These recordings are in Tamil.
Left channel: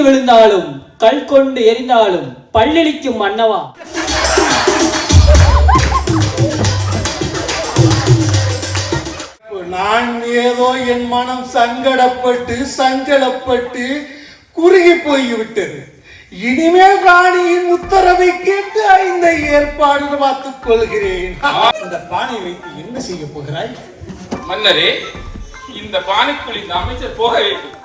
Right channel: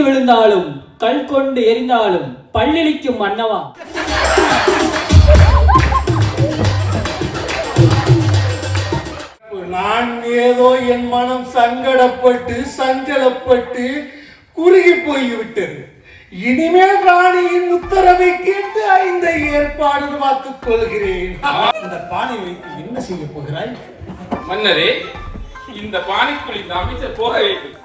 தடுக்கி விழுந்தாலும் கல் கொண்டு எரிந்தாலும் பல்லிழிக்கும் மன்னவா. நான் ஏதோ என் மனம் சங்கடப்பட்டு சஞ்சலப்பட்டு குறுகி போய்விட்டது. இனிமேல் ராணியின் உத்தரவை கேட்டு இந்த ஏற்பாடு பார்த்துக் கொள்கிறேன். இந்த பானை வைத்து என்ன செய்ய போகிறாய்? மன்னரே, இந்த பானைக்குள் இந்த அமைச்சர் போக வேண்டும்.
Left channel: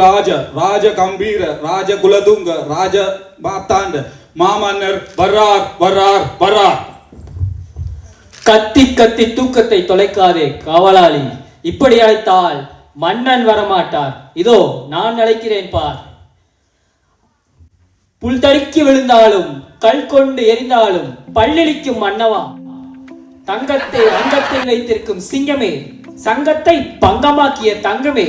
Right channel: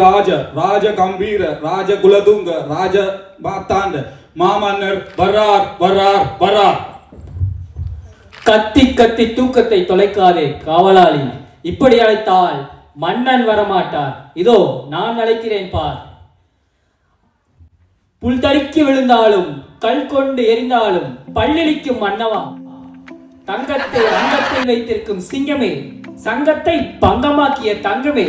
ராஜ ராஜ கம்பீர ராஜ குலதுங்க ராஜ மாத்தாண்ட மாமன்னர் வர்றார் வர்றார் வர்றார். கத்தி கத்தி தூக்கத்தை தொலைக்காதே காவலாளி. இப்படி அழைத்தால் மன்னன் வரமாட்டார். இதோ நான் அழைக்கிறேன் பார். புல் தடுக்கி விழுந்தாலும் கல் கொண்டு எரிந்தாலும் பல்லிழிக்கும் மன்னவா. தங்கத்தை அங்கத்தில் வைத்திருக்கும் சிங்கமே, சங்கத்தை பங்கமாக்கிய தங்கமே,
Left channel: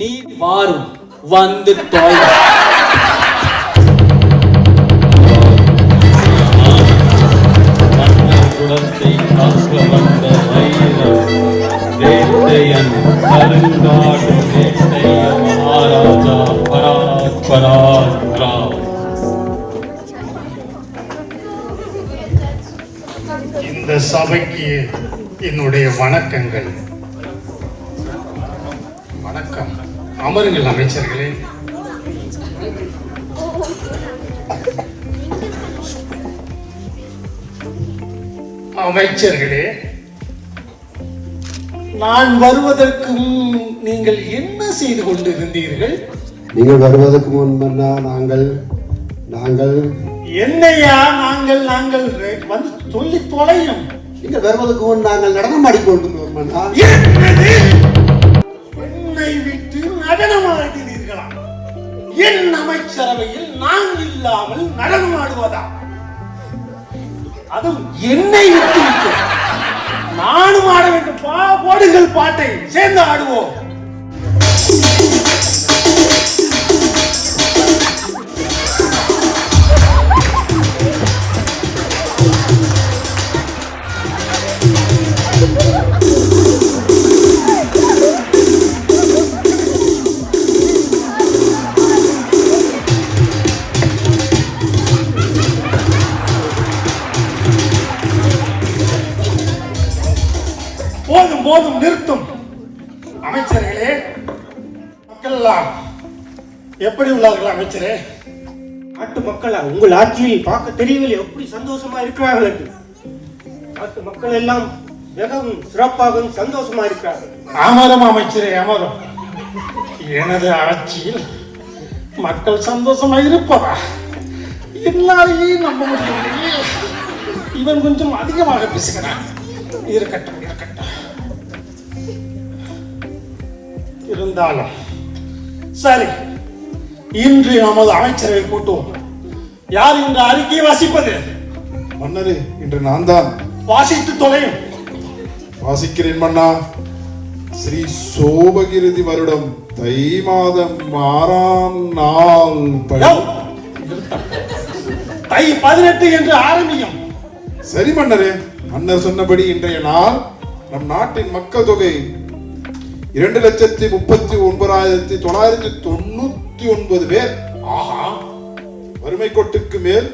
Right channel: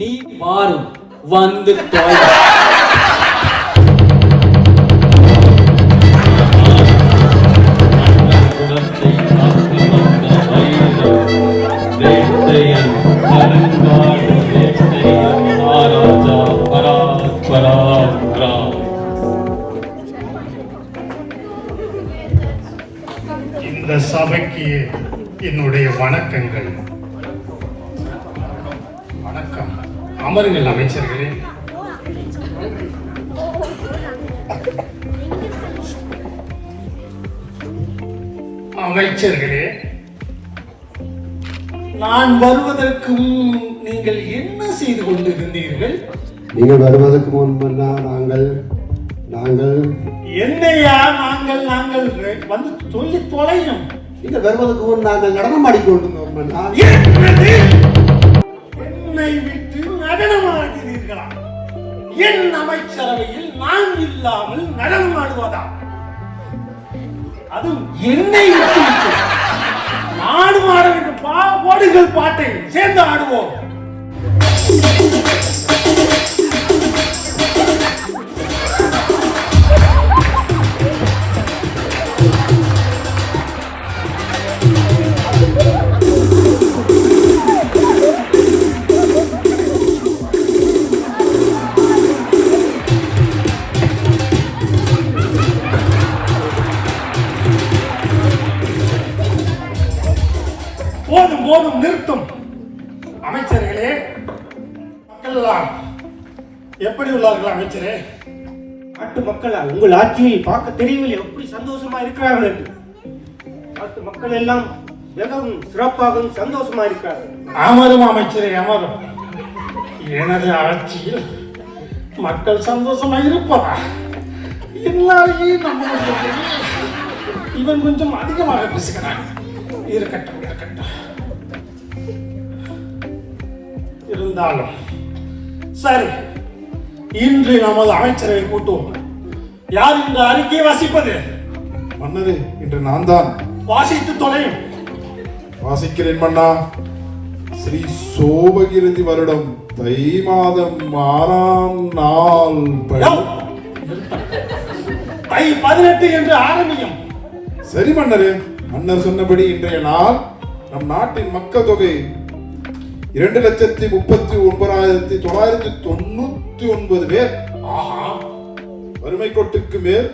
நீ வாரும் வந்து தொலை. இந்த சபைக்கு என்னுடைய வணக்கங்கள். வணக்கம். அமருங்கள் அமைச்சர்களே. அமைச்சர்களே, நான் வருவதற்கு நீங்கள் என்ன செய்து கொண்டிருந்தீர்கள்? நீங்கள் வருவதற்கு முன் நாங்கள் என்னையா நாங்கள் வந்து சொல்லி தொலையும். நீங்கள் வருவதற்கு முன் நாங்கள் நடனம் ஆடிக்கொண்டு என்னை விட்டு நடனம் ஆடுகிறீர்களா? என் அமைச்சரவையில் நான் இல்லாமல் நடனம் ஆடுவதா? அதுவும் என்னை விட்டு நானும் ஆட வேண்டும். பாடுங்கள், பாட்டை சேர்ந்து ஆடுவோம். போதும் போதும், நிறுத்தும். அமைச்சர்களே, மக்கள் எல்லாம் எப்படி உள்ளார்கள்? அமைச்சரே, நாட்டு மக்கள் உங்கள் ஆட்சியை பார்க்க தெரியவில்லை எப்படி சந்தோஷமா இருக்கிறார்கள் என்று. நாட்டு மக்கள் எல்லாம் மிகவும் சிறப்பாகவும் சந்தோஷமா இருக்கிறார்கள். அமரம் அமைச்சரே, அமரம். எனது ஆட்சியில் மக்கள் சந்தோஷமா இருப்பதா? எல்லாரையும் நம்ம இவன் கொஞ்சம் அதிகமாக பேசுகிறான். இருக்கட்டும். இருந்தாலும் சரி, இன்று நமது அமைச்சரை கூட்டுவோம். யார் இந்த அறிக்கையை வாசிப்பது? மன்னரே, இன்று நான் தான். வாசித்து தொலையும். வாசிக்கிறேன் மன்னா. ஸ்ரீ சோபகிருதி வருடம் தை மாதம் 6ஆம் நாள் தை 18 என்று ஆரம்பியும். சரி மன்னரே, மன்னர் சொன்னபடி இன்றைய நாள் நம் நாட்டின் மக்கள் தொகை 2,39,999 பேர். வறுமை கோட்டுக்கு மேல்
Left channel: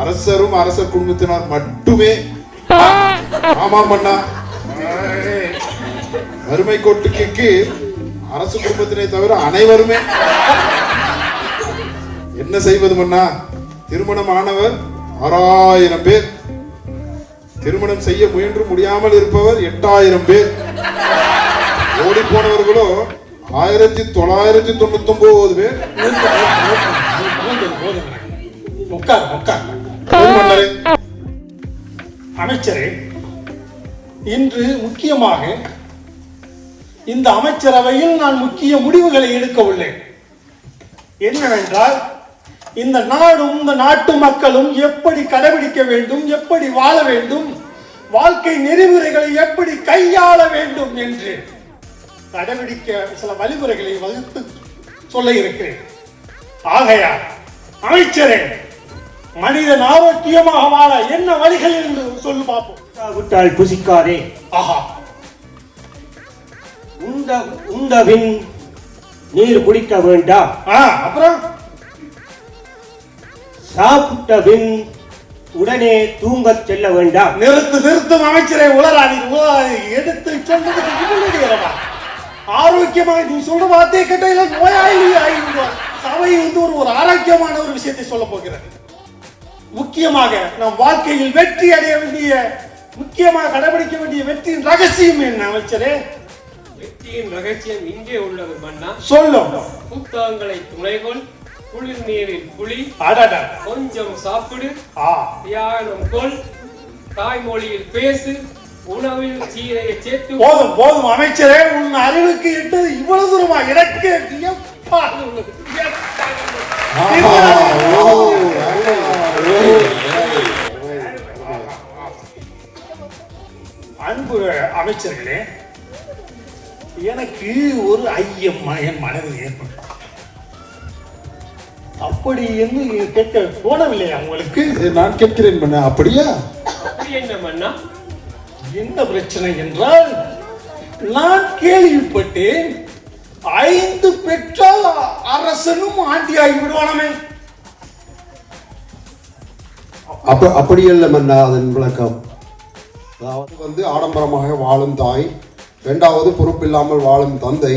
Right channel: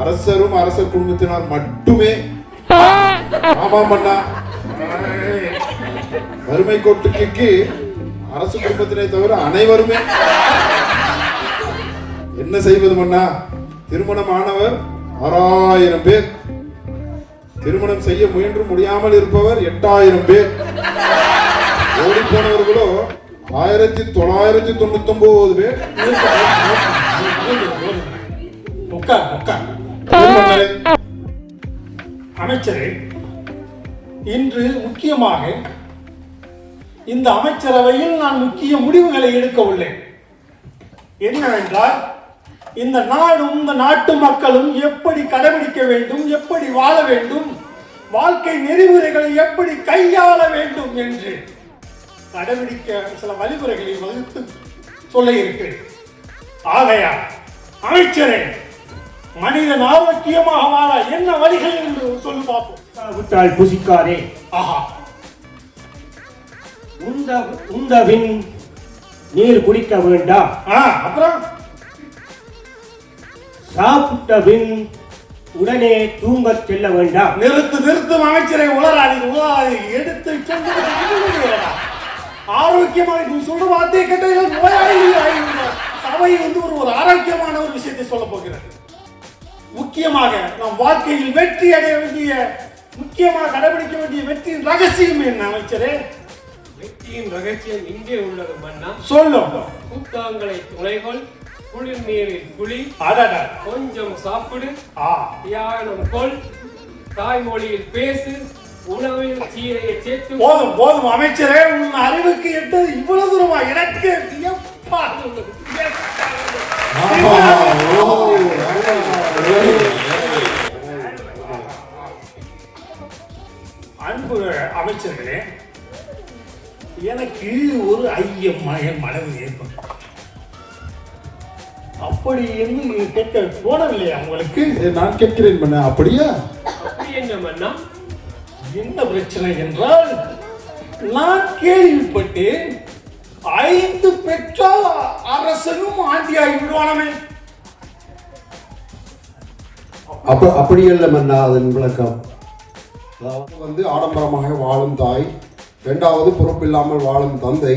அரசரும் அரசர் குடும்பத்தினர் மட்டுமே. ஆமா மன்னா, வறுமை கோட்டுக்கு அரசு குடும்பத்தினை தவிர அனைவருமே. என்ன செய்வது மன்னா? திருமணம் ஆனவர் 6000 பேர், திருமணம் செய்ய முயன்று முடியாமல் இருப்பவர் 8000 பேர், ஓடி போனவர்களோ 1999 பேர். அமைச்சரே, இன்று முக்கியமாக இந்த அமைச்சரவையில் நான் முக்கிய முடிவுகளை எடுக்க உள்ளேன். என்னவென்றால், இந்த நாடும் இந்த நாட்டு மக்களும் எப்படி கடைபிடிக்க வேண்டும், எப்படி வாழ வேண்டும், வாழ்க்கை நெறிமுறைகளை எப்படி கையாள வேண்டும் என்று கடைபிடிக்க சில வழிமுறைகளை வகுத்து சொல்ல இருக்கிறேன். ஆகையால் அமைச்சரே, மனிதன் ஆரோக்கியமாக வாழ என்ன வழிகள் என்று சொல்லி பார்ப்போம். விட்டால் புசிக்காதே. ஆஹா, உண்டபின் நீர் குடிக்க வேண்டாம். அப்புறம் சாப்பிட்ட பின் உடனே தூங்கச் செல்ல வேண்டாம். நிறுத்தும் அமைச்சரை உளராணி எடுத்து சொன்னது ஆரோக்கியமாக நீ சொல்ற வார்த்தையை கேட்ட நோயாளி சபை ஒரு ஆரோக்கியமான ஒரு விஷயத்தை சொல்ல போகிறது. முக்கியமாக நம் வாழ்க்கையில் வெற்றி அடைய வேண்டிய, முக்கியமாக கடைபிடிக்க வேண்டிய வெற்றியின் ரகசியம் என்ன அமைச்சரே? வெற்றியின் ரகசியம் இங்கே உள்ளது மன்னா. சொல்லும். புத்தகங்களை துணைகொள், குளிர் நீரில் குளி, கொஞ்சம் சாப்பிடு, தியானம் கொள், தாய்மொழியில் பேசு, உணவில் சீரையை சேர்த்து. போதும் அமைச்சரே, உன் அறிவுக்கு எட்டது இவ்வளவு தூரமா? எனக்கு அன்பு அமைச்சர்களே, எனக்கு ஒரு ஐயம் என் மனதில் ஏற்படும். அப்படி என்று கேட்க தோணவில்லையா உங்களுக்கு? நான் கேட்கிறேன் மன்னா. அப்படியா? அப்படி என்ன மன்னா? என்ன பிரச்சனை என்றால், நான் கேள்விப்பட்டேன் 5 பெற்றால் அரசனும் ஆண்டியாகி விடுவானமே. அப்படி அல்ல மன்னா, அதன் விளக்கம். அதாவது ஆடம்பரமாக வாழும் தாய், 2வது பொறுப்பில்லாமல் வாழும் தந்தை,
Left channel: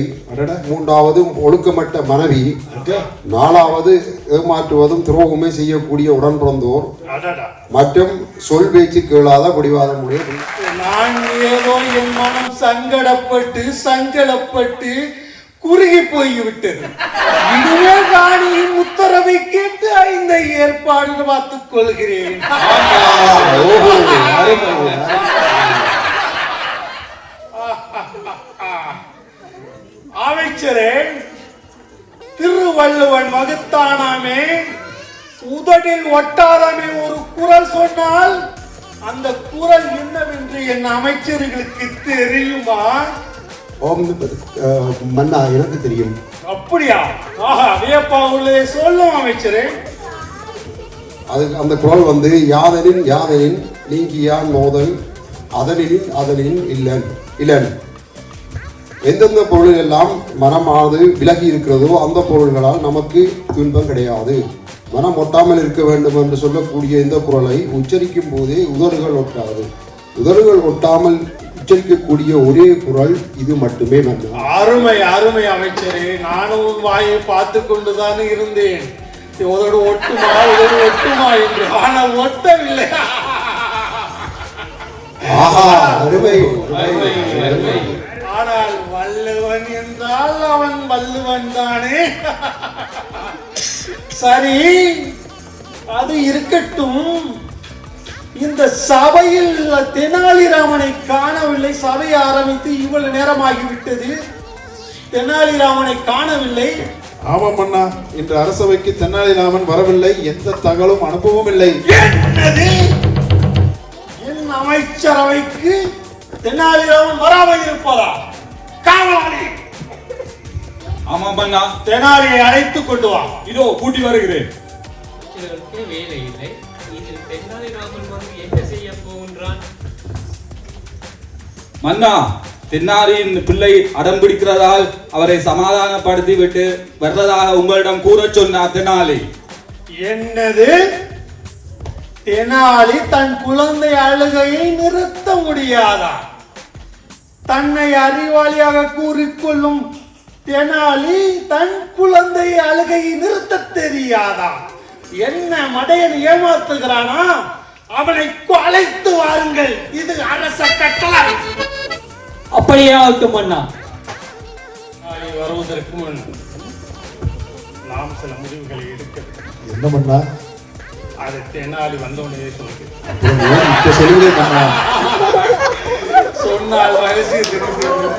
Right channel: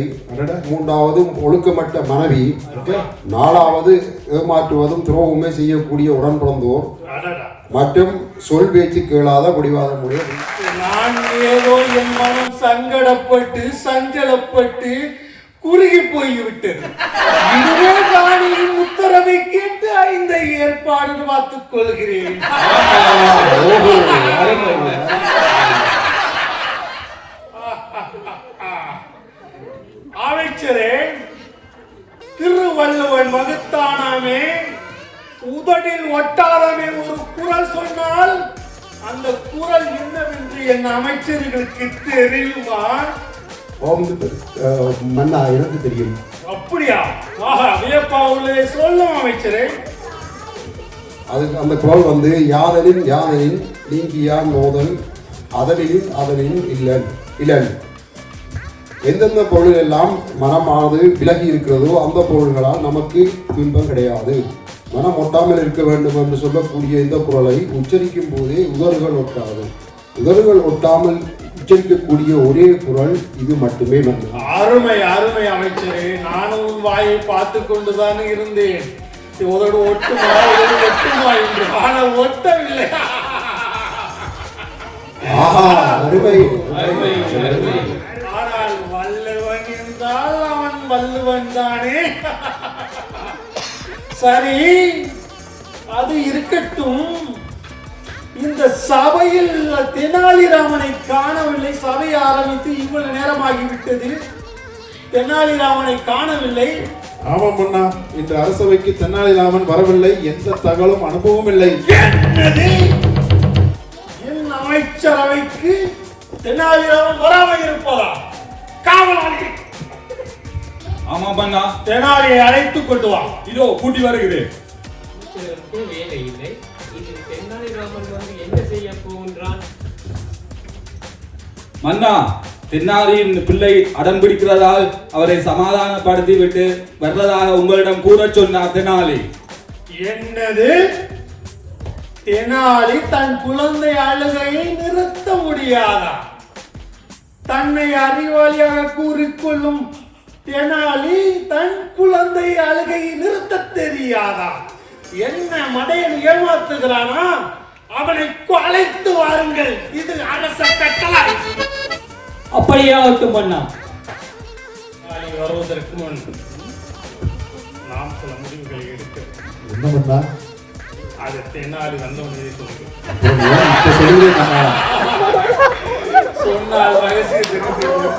3வது ஒழுக்கமற்ற மனைவி, 4வது ஏமாற்றுவதும் துரோகமே செய்யக்கூடிய உடன் பிறந்தோர், மற்றும் சொல் பேச்சு கேளாத முடிவாத முறை. நான் ஏதோ என் மனம் சங்கடப்பட்டு சஞ்சலப்பட்டு குறுகி போய்விட்டது. உத்தரவை கேட்டு இந்த ஏற்பாடு பார்த்துக் கொள்கிறேன். அமைச்சரே, திருவள்ளுவன் வகுத்தானாமே, உதடில் ஒட்டாராமே ஒரு குறள் சொன்னால் அந்த குறள் என்னவென்று என் அமைச்சர்களுக்கு தெரியுமா? மன்னா, எனக்கு தெரியும். அப்படியா? வியப்பா உள்ளதை சொல்லும் அமைச்சரே. அந்த குறள் யாதனின் நீங்கியான் மோதல் அதனின் இல்லன். எந்தெந்த பொருள் எல்லாம் மனமானது விலகி இருக்கிறதோ அந்த பொருள்களால் நமக்கு துன்பம் கிடையாது. மனம் ஒட்டாமல் இருக்க வேண்டும் என்று சொல்லக்கூடிய இந்த குறளை உச்சரிக்கும் போதே உதடுகள் ஒட்டாது. உதடுகள் ஒட்டாமல் உச்சரிக்கக்கூடிய ஒரே குறள் இது மட்டுமே. அருமை அருமை அமைச்சரே, நானும் வாயை பார்த்து கொண்டுதான் இருந்தேன். உதடு ஒட்டுமா என்று, ஆனால் ஒட்டவில்லை. ஆனால் வள்ளுவன் என்றால் அவன் வள்ளுவன் தானே. சரி, அது இருக்கட்டும். இந்த சபையில் தெனாலிராமனை காணவில்லை. சபை ஆரம்பித்து இவ்வளவு நேரமாகிவிட்டது, தெனாலிராமனை காணவில்லை. ஆமாம் மன்னா, இன்று அரசவைக்கு தெனாலிராமன் வரவில்லை. எந்த தகவலும் அனுப்பவும் இல்லை. என் அமைச்சரவைக்கு தெனாலிராமன் வராமல் இருப்பதா? காவலி, ஆமாம் மன்னா. தெனாலியை அழைத்துக் கொண்டு வா. இதோ கூட்டி வருகிறேன். வேலை இல்லை. இதில் தென்னாலிராமன் வந்து என்ன செய்ய போகின்றான்? மன்னா, தென்னாலியின் பிள்ளை அடம் பிடிக்கிறதால் அவரை சமாதானப்படுத்தி விட்டு வர்றதாக உங்களிடம் கூற சொன்னார் தெனாலி. என்னது? தெனாலி தன் குழந்தை அழுகையை நிறுத்த முடியாதா? தன்னை அறிவாளியாக கூறிக்கொள்ளும் தெனாலி தன் குழந்தை அழுகையை நிறுத்த தெரியாதா? என்ன மடையன் ஏமாத்துகிறானா? அவனை அழைத்து வாருங்கள். இது அரச கட்டளை. அப்படியே ஆகட்டும் மன்னா. வருவதற்கு முன் நாம் சில முடிவுகளை எடுக்க வேண்டும். என்ன மன்னா? அது தெனாலி வந்தவனே சொன்னால் ரகசியம் தெரிந்து.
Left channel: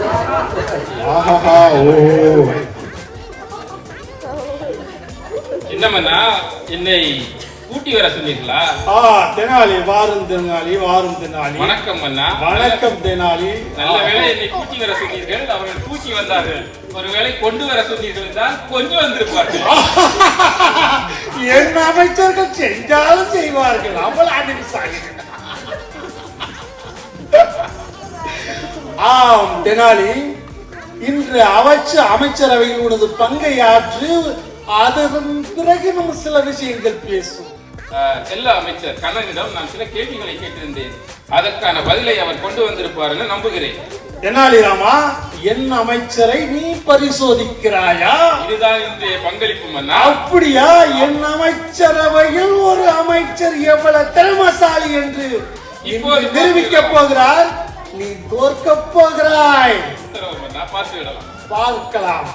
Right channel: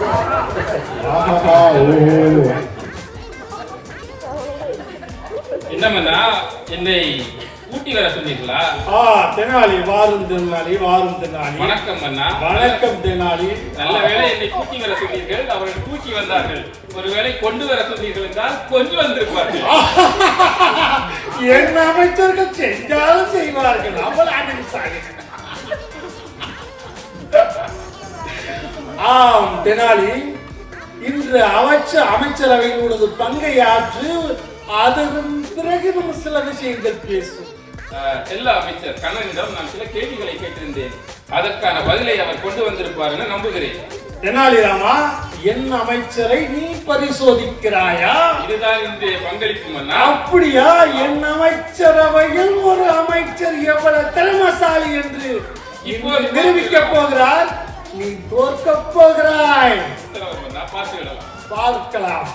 என்னமண்ணா, என்னை கூட்டி கூட்டி வர சொன்னீர்களா? தெனாலி வாரும் தெனாலி வாரும் தெனாலி. வணக்கம் மன்னா. வணக்கம் தெனாலி. நல்ல வேளை என்னை கூட்டி வர சொன்னீர்கள், அவர்கள் தூக்கி வந்தார்கள். ஒருவேளை கொண்டு வர சொன்னீர்கள் என்றால் கொஞ்சம் வந்திருப்பார்கள். என் அமைச்சர்கள் செஞ்சாலும் செய்வார்கள். அவள் அறிவிசாலிகள். ஆம் தெனாலி, இன்று அமைச்சரவையில் உனது பங்கை ஆற்று. அதன் பிறகு நம்ம சில விஷயங்கள் பேசுவோம். எல்லா அமைச்சர் கண்ணனிடம் நான் சில கேள்விகளை கேட்டிருந்தேன். அதற்கான பதிலை அவர் கொண்டு வந்திருப்பார் என்று நம்புகிறேன். தெனாலிராமா, என் அமைச்சரை நீ பரிசோதிக்கிறாயா? இதுதான் இன்றைய பங்களிப்பு மன்னா. அப்படியா? என் அமைச்சரவையில் ஒரு அமைச்சர் எவ்வளவு திறமசாலி என்று இப்போது நிரூபிக்க போகிறார். நீ தோற்க போகிறாய். பார்க்கலாம்.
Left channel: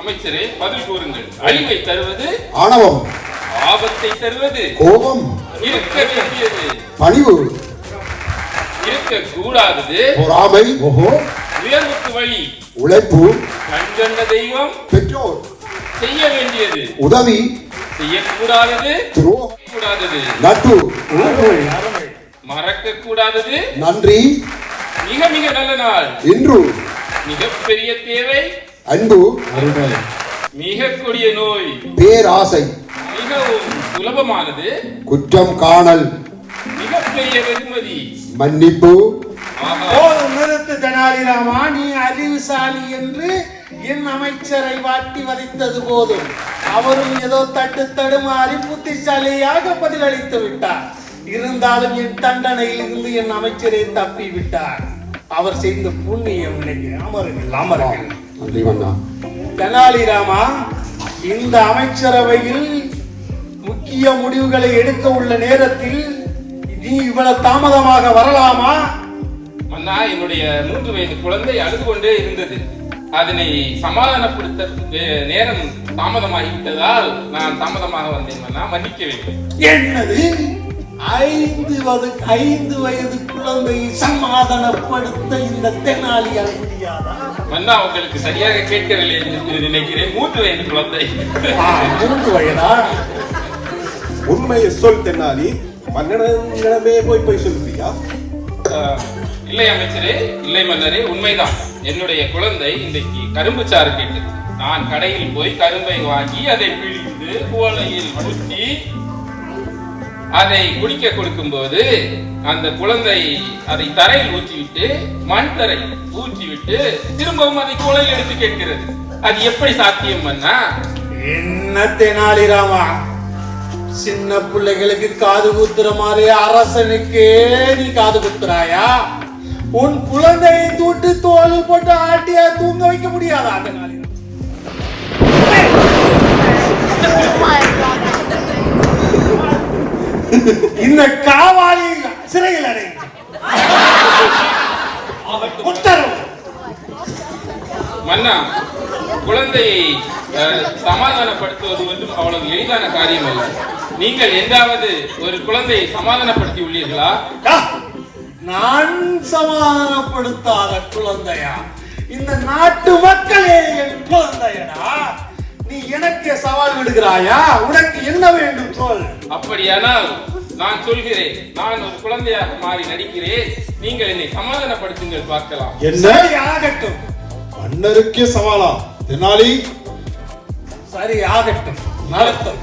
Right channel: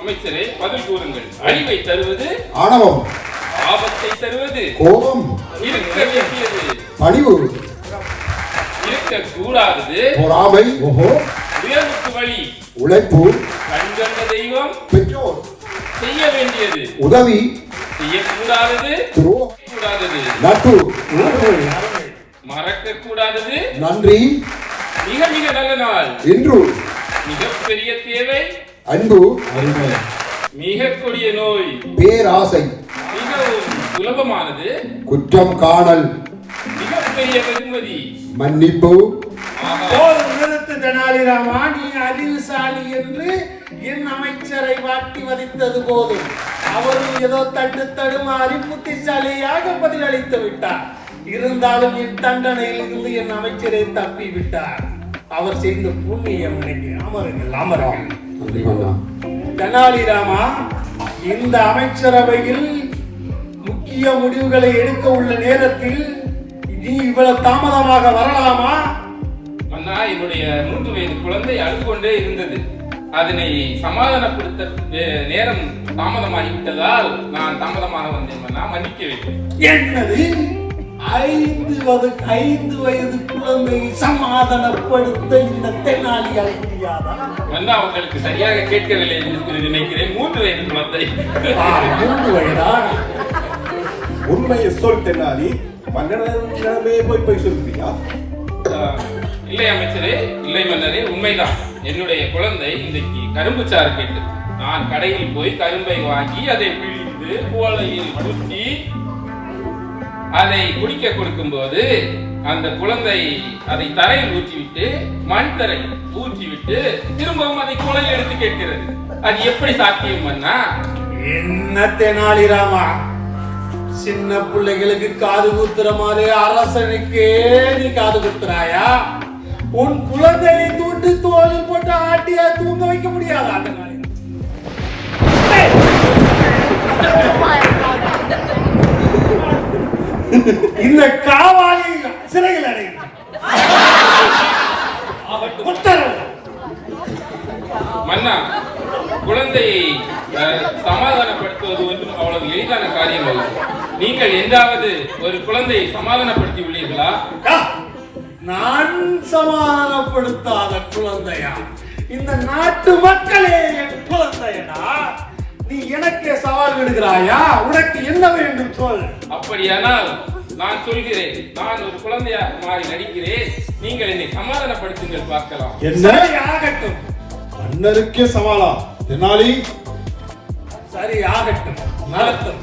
அமைச்சரே, பதில் கூறுங்கள். அழிவை தருவது ஆணவம், ஆபத்தை தருவது கோபம், இருக்க வேண்டியது பணிவு, இருக்க கூடாதது பொறாமை, உயர்வுக்கு வழி, உழைப்பு, கண்கண்ட தெய்வம், பெற்றோர், செய்ய வேண்டியது, உதவி, செய்யக்கூடாதது, துரோகம், கூடாதது, நட்பு, மறக்க கூடாதது, நன்றி, மிக மிக நல்ல நாள், இன்று, மிகப்பெரிய தேவை, அன்பு, மிக கொடிய நோய், பேராசை, மிகவும் சுலபமானது, குற்றம் காணல், மிகப்பெரிய வெகுமதி, மன்னிப்பு. நிறுத்து தெனாலிராமா, நீ அறிவுசாலி என்று என் அமைச்சரை வாட்டி வதைத்தது போதும். அவரும் ஏதோ தடுமாறி புத்திசாலியாக பதிலளித்து விட்டார். இருந்தாலும் என் தண்டனையில் இருந்து என் அமைச்சரை தப்பி விட்டார். அவர் செய்த புண்ணியம் அமருங்கள். தெனாலிராமா, இந்த அமைச்சரவையில் முக்கிய முடிவுகளை எடுக்க உள்ள நேரத்தில் நீ இவ்வளவு தாமதமாக வரலாமா? மன்னா, என்னுடைய 3 வயது குழந்தை அழுது கொண்டே இருந்தது. அதனை சமாதானப்படுத்த நேரம் தாமதமாகிவிட்டதால் நான் தாமதமாக வந்தேன் மன்னா, மன்னிக்க வேண்டும். என்னது? 5 வயது குழந்தையை சமாதானப்படுத்த இந்த தெனாலியால் முடியாதா? மன்னா, உங்களுக்கு சரியாக கேட்கவில்லை என்று நினைக்கிறேன். 3 வயது குழந்தை. 3 வயதா? உண்மையை சொல் தென்னாலி, மன்னனிடமே போய் சொல்றியா? இல்லை அமைச்சரே, இல்லை மன்னரே, உண்மைதான். என்னுடைய குழந்தை இன்றைக்கு கரும்பு சாறு கேட்டது. நான் கடையில் போய் கரும்பை வாங்கி அதை பிழிந்து குவளையில் ஊற்றி அதை குடிக்க கொடுக்கும் போது அந்த குழந்தை அதை தரையில் ஊற்றிவிட்டு மண் தரையில் ஊற்றிவிட்டு திரும்பவும் அதை குவளையில் எடுத்து கேட்கிறது. அது எப்படி சாத்தியம் மன்னா? என்ன தெனாலிராமா, சின்ன பிள்ளைகளுக்கு காது குத்துற மாதிரி அரசனுக்கே நீ காது குத்துறாயா? உன் குழந்தையை தூட்டு தோல் போட்டு ஆட்டியா தூங்க வைக்க முடியாதா? தெனாலி, இந்த காவாலி சிறையில் அடை. உத்தரவு. மன்னா, குழந்தையை சமாதானப்படுத்துவது ஒன்றும் அவ்வளவு எளிதான காரியம் அல்ல. நீங்கள் என்றாவது ஒரு குழந்தையை சமாதானப்படுத்தி உள்ளீர்களா? நான் சமாதானப்படுத்தாத குழந்தையா? இந்த நாட்டு மக்களே என் குழந்தையடா. நீ எனக்கு சவால் விடுகிறாயா? உனக்கு என்ன வேண்டும் சொல். அப்படியானால் நான் சொல்கிறேன். நான் ஒரு குழந்தையாக மாறி நடிக்கிறேன். நீங்கள் என்னை சமாதானப்படுத்துங்கள், பார்க்கலாம். என்ன ஆகட்டும். மன்னருக்கே சவாலா தெனாலி? சரி, ஆகட்டும், நடத்தும்.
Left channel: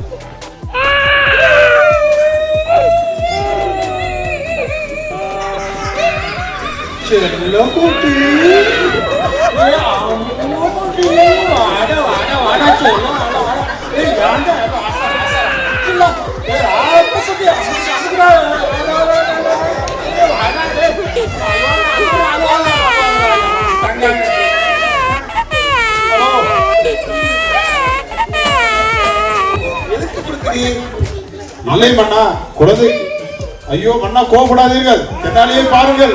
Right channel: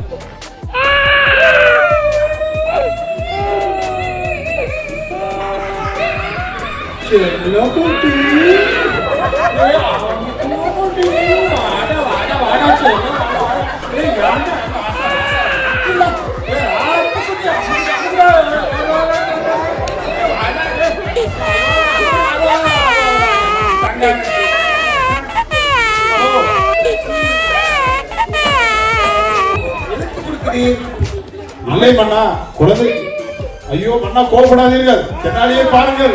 இல்லை மன்னா, குழந்தை. ஐயோ மன்னா, கோபப்படாதீர்கள். தெனாலியை பாருங்கள்.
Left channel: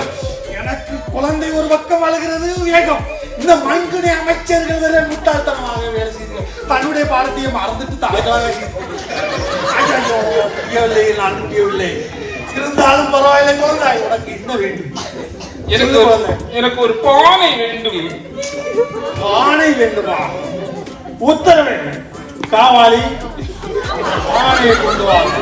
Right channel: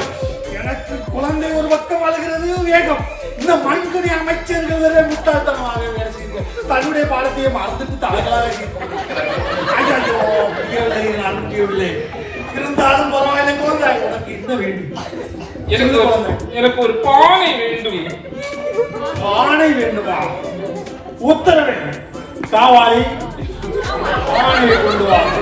எனக்கு குழந்தை ஒரு பக்கம் அழுகிறது, வேகம். இந்த மண்கணி அமைச்சர்கள் வேற முட்டாள்தனமாக வேலை செய்து தன்னுடைய பாரதியை மறந்துட்டு தலைகளாக ஐயோ, முடியவில்லை, நான் முடியவில்லை. இருந்தாலும் பரவாயில்லை குழந்தை. உனக்கு என்ன வேண்டும்? எனக்கு ஒரு பானை வேண்டும். பானை வேண்டுமா? உத்தரவு. காவாலி, பானையை கொண்டு வாங்க.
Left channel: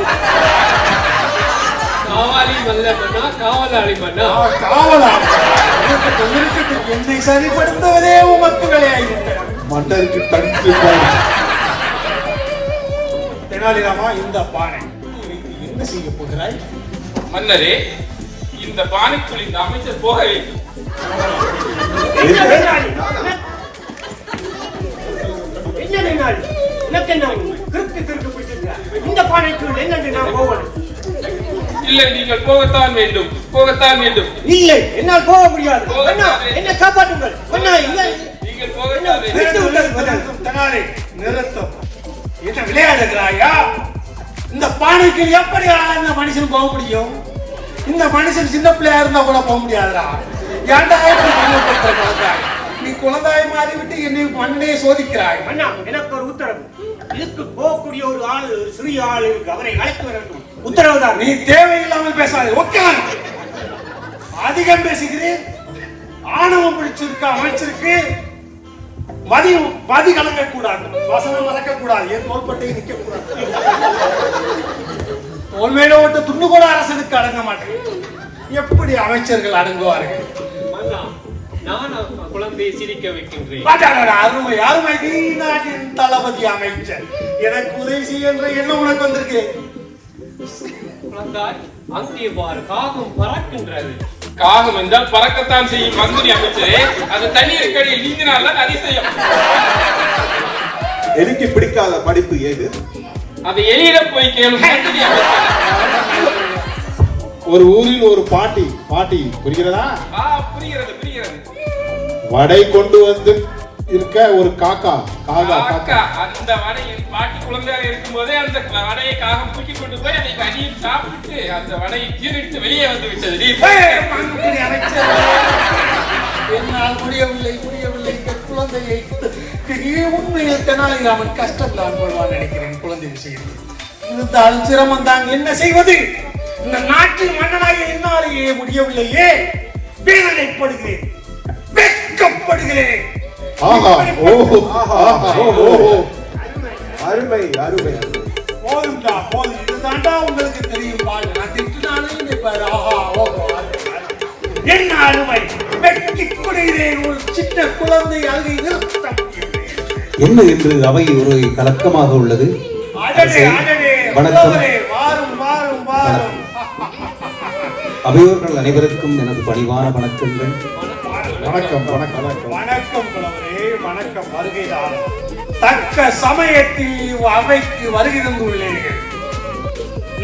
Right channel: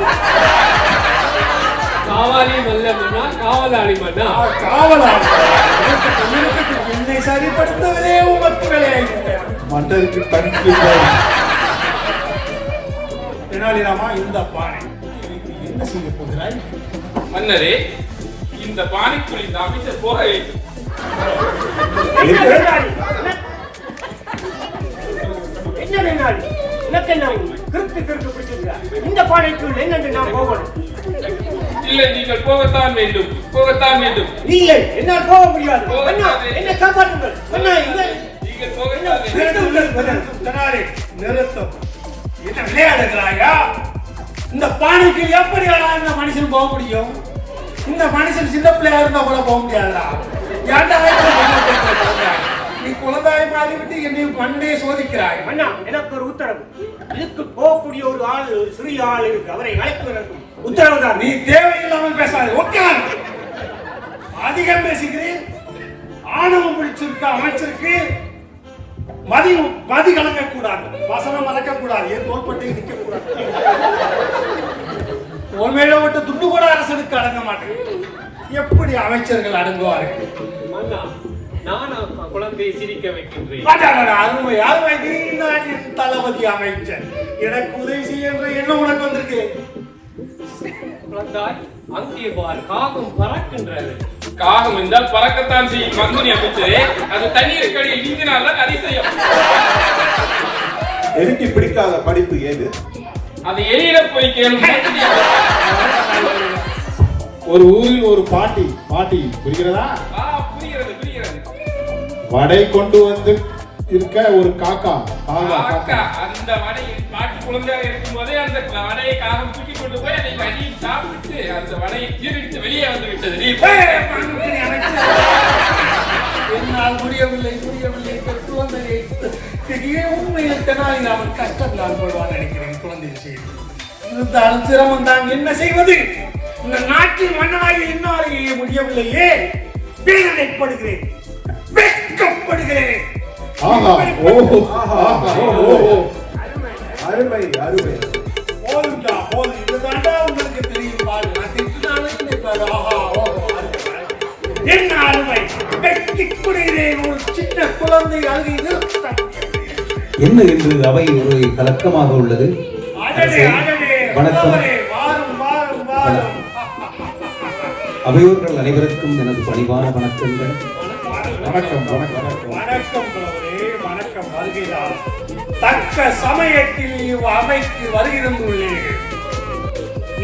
காவாலி மல்ல மன்னா காவலாளி மன்னா காவலாளி என்னை சரிப்படுத்தவரே உமக்கு வேலையாயிருந்தேன். மன்னருக்கு தனிக்கு தெனாலிராமா, இந்த பானை என்ன செய்ய போகிறாய்? மன்னரே, இந்த பானைக்குள் இந்த அமைச்சர் போக வேண்டும். என்ன வேண்டாளி? என்ன வேண்டாளி? எனக்கு என்ன கிறுக்கு பிடிச்சிருக்க? இந்த பானைக்குள் என்னென்று நான் போகணும்? இல்லை, நீங்கள் போகத்தான் வேண்டும், போகத்தான் வேண்டும். இல்லை, என்னால் போக முடியாது. அண்ணா, என்னை காப்பாற்றுங்கள். அண்ணா, இல்லை. நீங்கள் போகத்தான் வேண்டும். தெனாலி, நிறுத்தும். என்ன விளையாடுகிறாயா? இந்த பானைக்கு எப்படி இந்த மனுஷன் போக முடியும்? இந்த மனுஷன் சின்ன பிள்ளையா இருந்தா கூட போக முடியாதுடா. ஏன்டா நீ குழந்தைய மாறி விட்டு என்னை மண்ணே சோதிக்கிறாய்? அண்ணா, எனக்கு ஒரு உத்தரவு. இதுக்கு போகக்கூடிய ஒரு ஆள், ஒரு சிறிய ஆள் இருக்கு. அவரை அழைத்து வர உத்தரவு தான். நீ தேவையில்லாமல் பேசாது. ஓகே, அதிகம் பேசுகிறேன். ஆணவம் பிடிச்சிருக்க அமைச்சிருக்கு. மதி கலங்க கூடாது, வசனம் மறக்க கூடாது, என் தோள்பட்டை நிற்க கூடாது. தோல்மையில விட்டு துண்டு கூட அரசனுக்கு அடங்க மாட்டேன். எப்படி அமைச்சர்கள் அடங்குவார்கள்? மன்னா, நான் குழந்தையை சிரிக்க வைக்கின்றேன். அருமை அருமை, நீ நாட்டின் தளபதி அமைச்சர். எனக்கு உதவி செய்ய என்ற எண்ணம் உனக்கு வந்திருக்கு. குழந்தாய், அங்கே பார், காகம் பறக்கின்றது. காகம் என்றால் பறக்கத்தான் செய்யும் மங்குனி அமைச்சரே. அது தண்ணீருக்கு நீந்தினால அதிசயம். எனக்கு பிடிக்காத படிப்பு ஏது? அது எலியில போய் கேள்வி. ஒரு ஊரில் ஒரு பாட்டி புரிகிறதா? புரிகிறது புரிகிறது. வடை கொண்டு வந்து இருக்க ஒரு காக்கா அந்த வடையை பாட்டி குழந்தையாக இருக்கும் போதே அந்த வடையை காகம் தூக்கி கொண்டு போய் அதை அடியில் சாப்பிட்டு அந்த வடையை ஜீரணித்து வெளியே வந்து விட்டது. என்னால் முடியவில்லை. இந்த குழந்தையை உண்மையில் தெனாலிராமன் கஷ்டங்களால் கொள்வான் நினைக்கிறேன். குழந்தை விஷயம் இருந்தாலும் சிரமம் தான். என்ன செய்வது? இந்த நாட்டில் மன்னனாக என்னாலேயே முடியவில்லையே. வேதனைப்படுகிறேன், வெட்கப்படுகிறேன். அருமை அருமை. போதும்டா, போதும். இதுதான்டா உங்களுக்கு தெரியும். பாரு, நான் திட்டினாலும் என்னை பாரு. என்ன அருமை, வெட்டி குடுகிறேன். ஒரு சின்ன குழந்தை அழுகை நிறுத்த என்ன என்று அவை ஒரு கலக்கமாக உள்ளது. வணக்கம். அவையோர்கள் அனைவருக்கும் எனது பணிவான வணக்கங்கள். வணக்கம் வணக்கம் வணக்கம் புலவரே, வணக்கம். வருகைதான் தக்க சமயத்தில் அவைக்கு வருகை தந்துள்ளீர்கள்.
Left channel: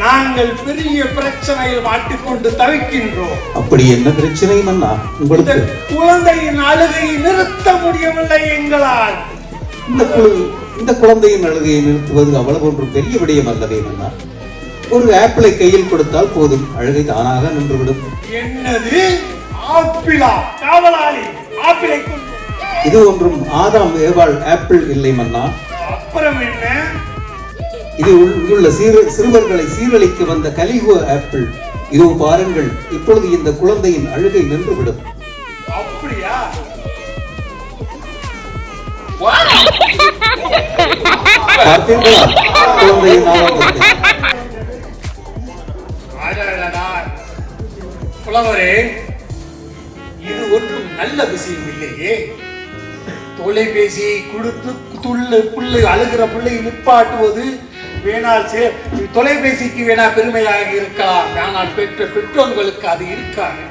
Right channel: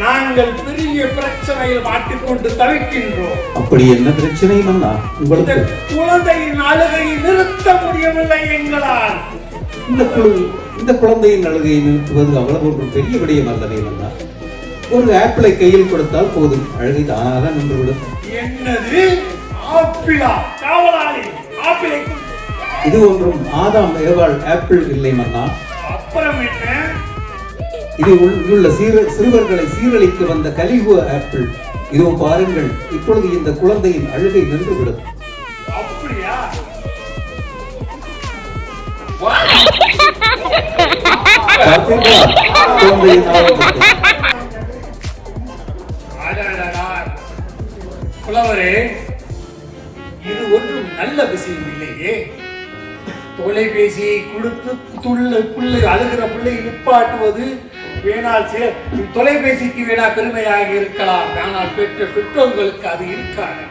நாங்கள் பெரிய பிரச்சனையில் மாட்டிக்கொண்டு தவிக்கின்றோம். அப்படி என்ன பிரச்சனை மன்னா உங்களுக்கு? குழந்தையின் அழுகையை நிறுத்த முடியவில்லை எங்களால். இந்த குழந்தையின் அழுகையை நிறுத்துவது அவ்வளவு ஒன்று பெரிய விடயம் அல்லவே மன்னா. ஒரு ஆப்பிளை கையில் கொடுத்தால் போதும், அழுகை தானாக நின்றுவிடும். என்னது ஆப்பிளா? காவலாளி, ஆப்பிளை இது ஒன்றும் ஆதாம் ஏவாள் ஆப்பிள் இல்லை மன்னா. அப்புறம் என்ன? இது உள்ள சிறுவர்களை சீரழிக்க வந்த கலிகோ ஆப்பிள். இதோ பாருங்கள், இப்பொழுது இந்த குழந்தையின் அழுகை நின்றுவிடும். அப்படியா? குழந்தையின் ஆரோக்கியத்தை. புலவரே, இது ஒன்றும் நல்ல விஷயம் இல்லையே. தொலைபேசியை கொடுத்து புள்ளை அழுகிற பிள்ளை நிப்பாட்டுவது வேணால் தொலைபேசிக்கு வேணா பெருமையாக இருக்கலாம். ஆனால் பெற்ற பெற்றோர்களுக்கு அது இருக்காது.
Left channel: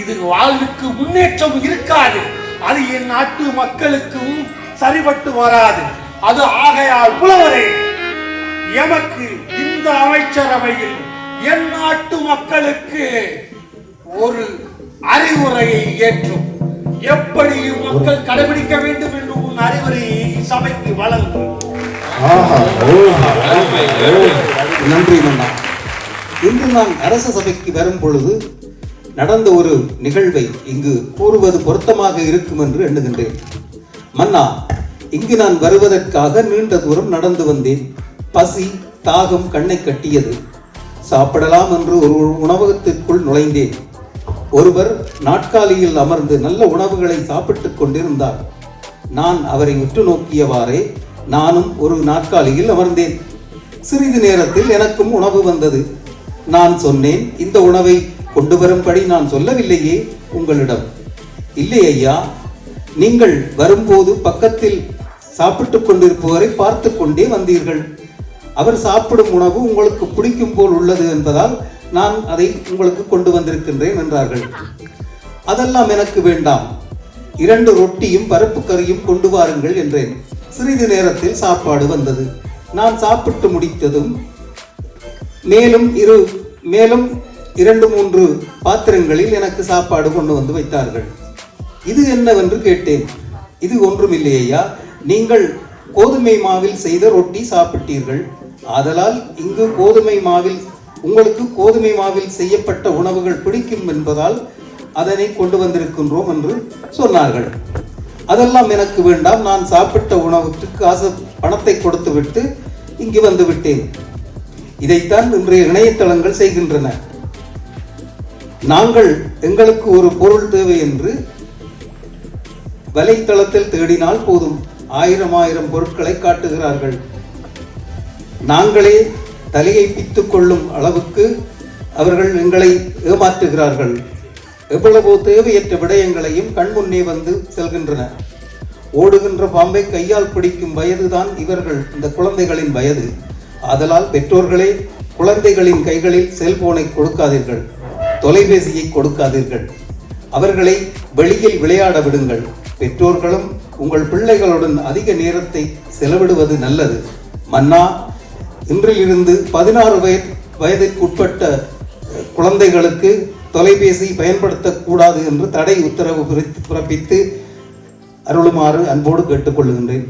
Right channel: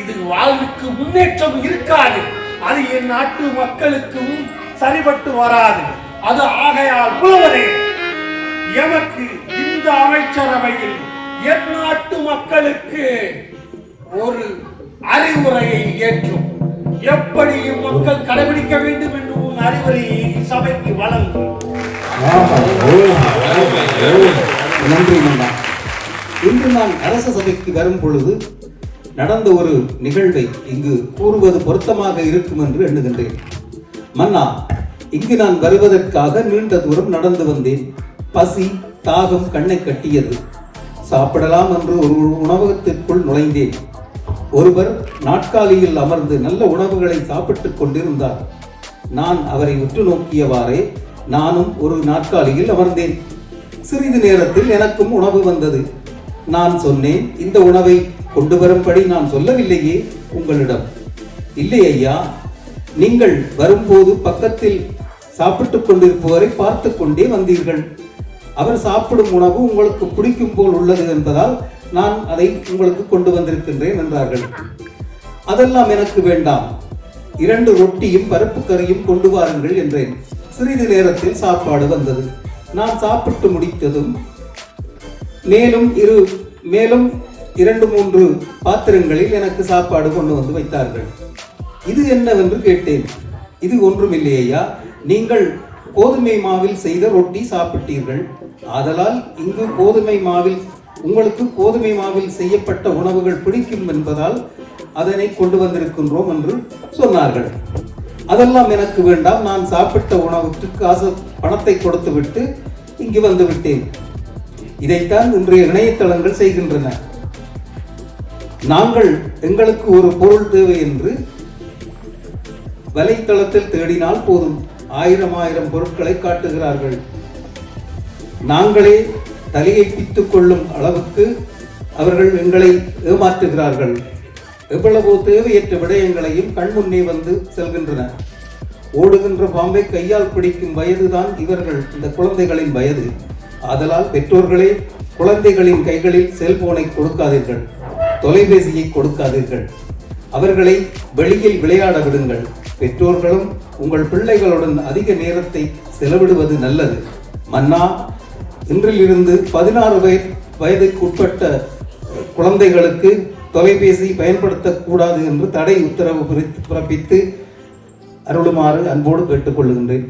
இது வாழ்வுக்கு முன்னேற்றம் இருக்காது. அது என் நாட்டு மக்களுக்கும் சரிபட்டு வராது. அது ஆகையால் புலவரே, எமக்கு இந்த அமைச்சரவையில் என் நாட்டு மக்களுக்கு ஒரு அறிவுரையை ஏற்றும். எப்படி மக்கள் கடைபிடிக்க வேண்டும் என்று உன் அறிவுரையை சபைக்கு வழங்கும். நன்றி மன்னா. இன்று நான் அரச சபைக்கு வரும் பொழுது நடந்த ஒரு நிகழ்வை இங்கு கூறுவது பொருத்தமாக இருக்கும் என்று எண்ணுகின்றேன். மன்னா, இங்கு நான் வருவதற்காக நீண்ட தூரம் நடந்து வந்தேன். பசி தாகம் கண்ணை கட்டியது. சாப்பிடலாம் என்று ஒரு உணவகத்திற்குள் நுழைந்தேன். ஒருவர் நாட்காலியில் அமர்ந்து நல்ல உணவுகளை சாப்பிட்டுக் கொண்டிருந்தார். நான் அவரை உற்று நோக்கியவாறே நானும் ஒரு நாற்காலியில் அமர்ந்தேன். சிறிது நேரத்தில் எனக்கும் உணவு வந்தது. நான் சொன்னேன், இந்த உணவை கொண்டு வரும்படி நான் சொல்லவில்லையே உங்களிடம். இல்லை ஐயா, நீங்கள் வரும்போது பக்கத்தில் சாப்பிட்டுக் கொண்டிருப்பவரை பார்த்து கொண்டே வந்தீர்கள். அவர் சாப்பிடும் உணவு உங்களுக்கு பிடிக்கும் போல் உள்ளது என்பதால் நான் அதை உங்களுக்கு கொண்டு வந்திருக்கின்றேன் என்றார்கள். அதெல்லாம் எனக்கு வேண்டாம், 2 ரொட்டியும் பருப்பு கறியும் கொண்டு வாருங்கள் என்றேன். சிறிது நேரத்தில் சாப்பாடு வந்தது. நான் சாப்பிட்டு முடித்ததும் மேலும் 2-3 பாத்திரங்களில் எனக்கு சாப்பாடு கொண்டு வந்து வைத்தார்கள். இது என்னவென்று கேட்டேன். இது ஒன்றுமில்லையா, நீங்கள் கோதுமை மாவில் செய்த ரொட்டி சாப்பிட்டீர்கள், ஆதலால் இங்கு உங்களுக்கு கோதுமை மாவில் செய்யப்பட்ட உணவுகள் பிடிக்கும் என்பதால் அதனை கொண்டு வந்திருக்கின்றோம் என்று சொன்னார்கள். அதெல்லாம் எனக்கு வேண்டாம், நான் சாப்பிட்ட உணவுக்கு பணத்தை கொடுத்துவிட்டு இங்கு வந்து விட்டேன். இதைத்தான் இன்றைய இணையதளங்கள் செய்கின்றன. நாங்கள் எங்களுக்கு ஒரு பொருள் தேவை என்று வலைத்தளத்தில் தேடினால் போதும், 1000 பொருட்களை காட்டுகிறார்கள். நாங்களே தலையை பித்துக் கொள்ளும் அளவுக்கு அவர்கள் எங்களை ஏமாற்றுகிறார்கள். எவ்வளவோ தேவையற்ற விடயங்களையும் கண்முன்னே வந்து செல்கின்றன. ஓடுகின்ற பாம்பை கையால் பிடிக்கும் வயதுதான் இந்த குழந்தைகளின் வயது. ஆதலால் பெற்றோர்களே, குழந்தைகளின் கைகளில் செல்போனை கொடுக்காதீர்கள், தொலைபேசியை கொடுக்காதீர்கள். அவர்களை வெளியில் விளையாட விடுங்கள். பெற்றோர்களும் உங்கள் பிள்ளைகளுடன் அதிக நேரத்தை செலவிடுவது நல்லது. மன்னா, இன்றிலிருந்து 16 வயதிற்குட்பட்ட குழந்தைகளுக்கு தொலைபேசி பயன்படுத்தக்கூடாது என்று தடை உத்தரவு பிறப்பித்து அருளுமாறு அன்போடு கேட்டுக்கொள்கின்றேன்.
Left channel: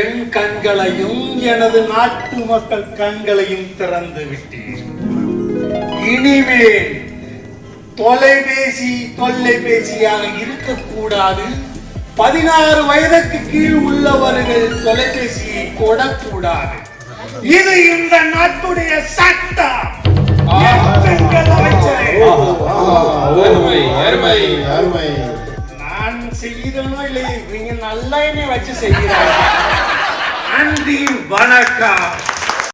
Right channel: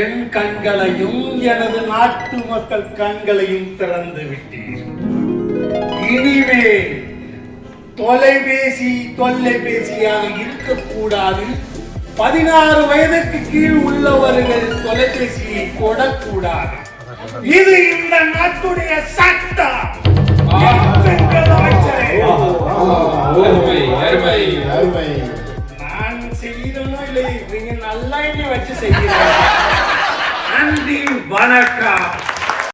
என் கண்களையும் எனது நாட்டு மக்கள் கண்களையும் திறந்து விட்டேன். இனிமேல் தொலைபேசியாக இருக்கக்கூடாது. 16 வயதுக்கு கீழ் உள்ளவர்கள் தொலைபேசியை தொடக்கூடாது. இது இந்த நாட்டுடைய சட்டம். நான் செய்யறேனோ இல்லை, நீங்க நல்லா என்னை வச்சு செய்யறேன். நன்றி, வணக்கம்.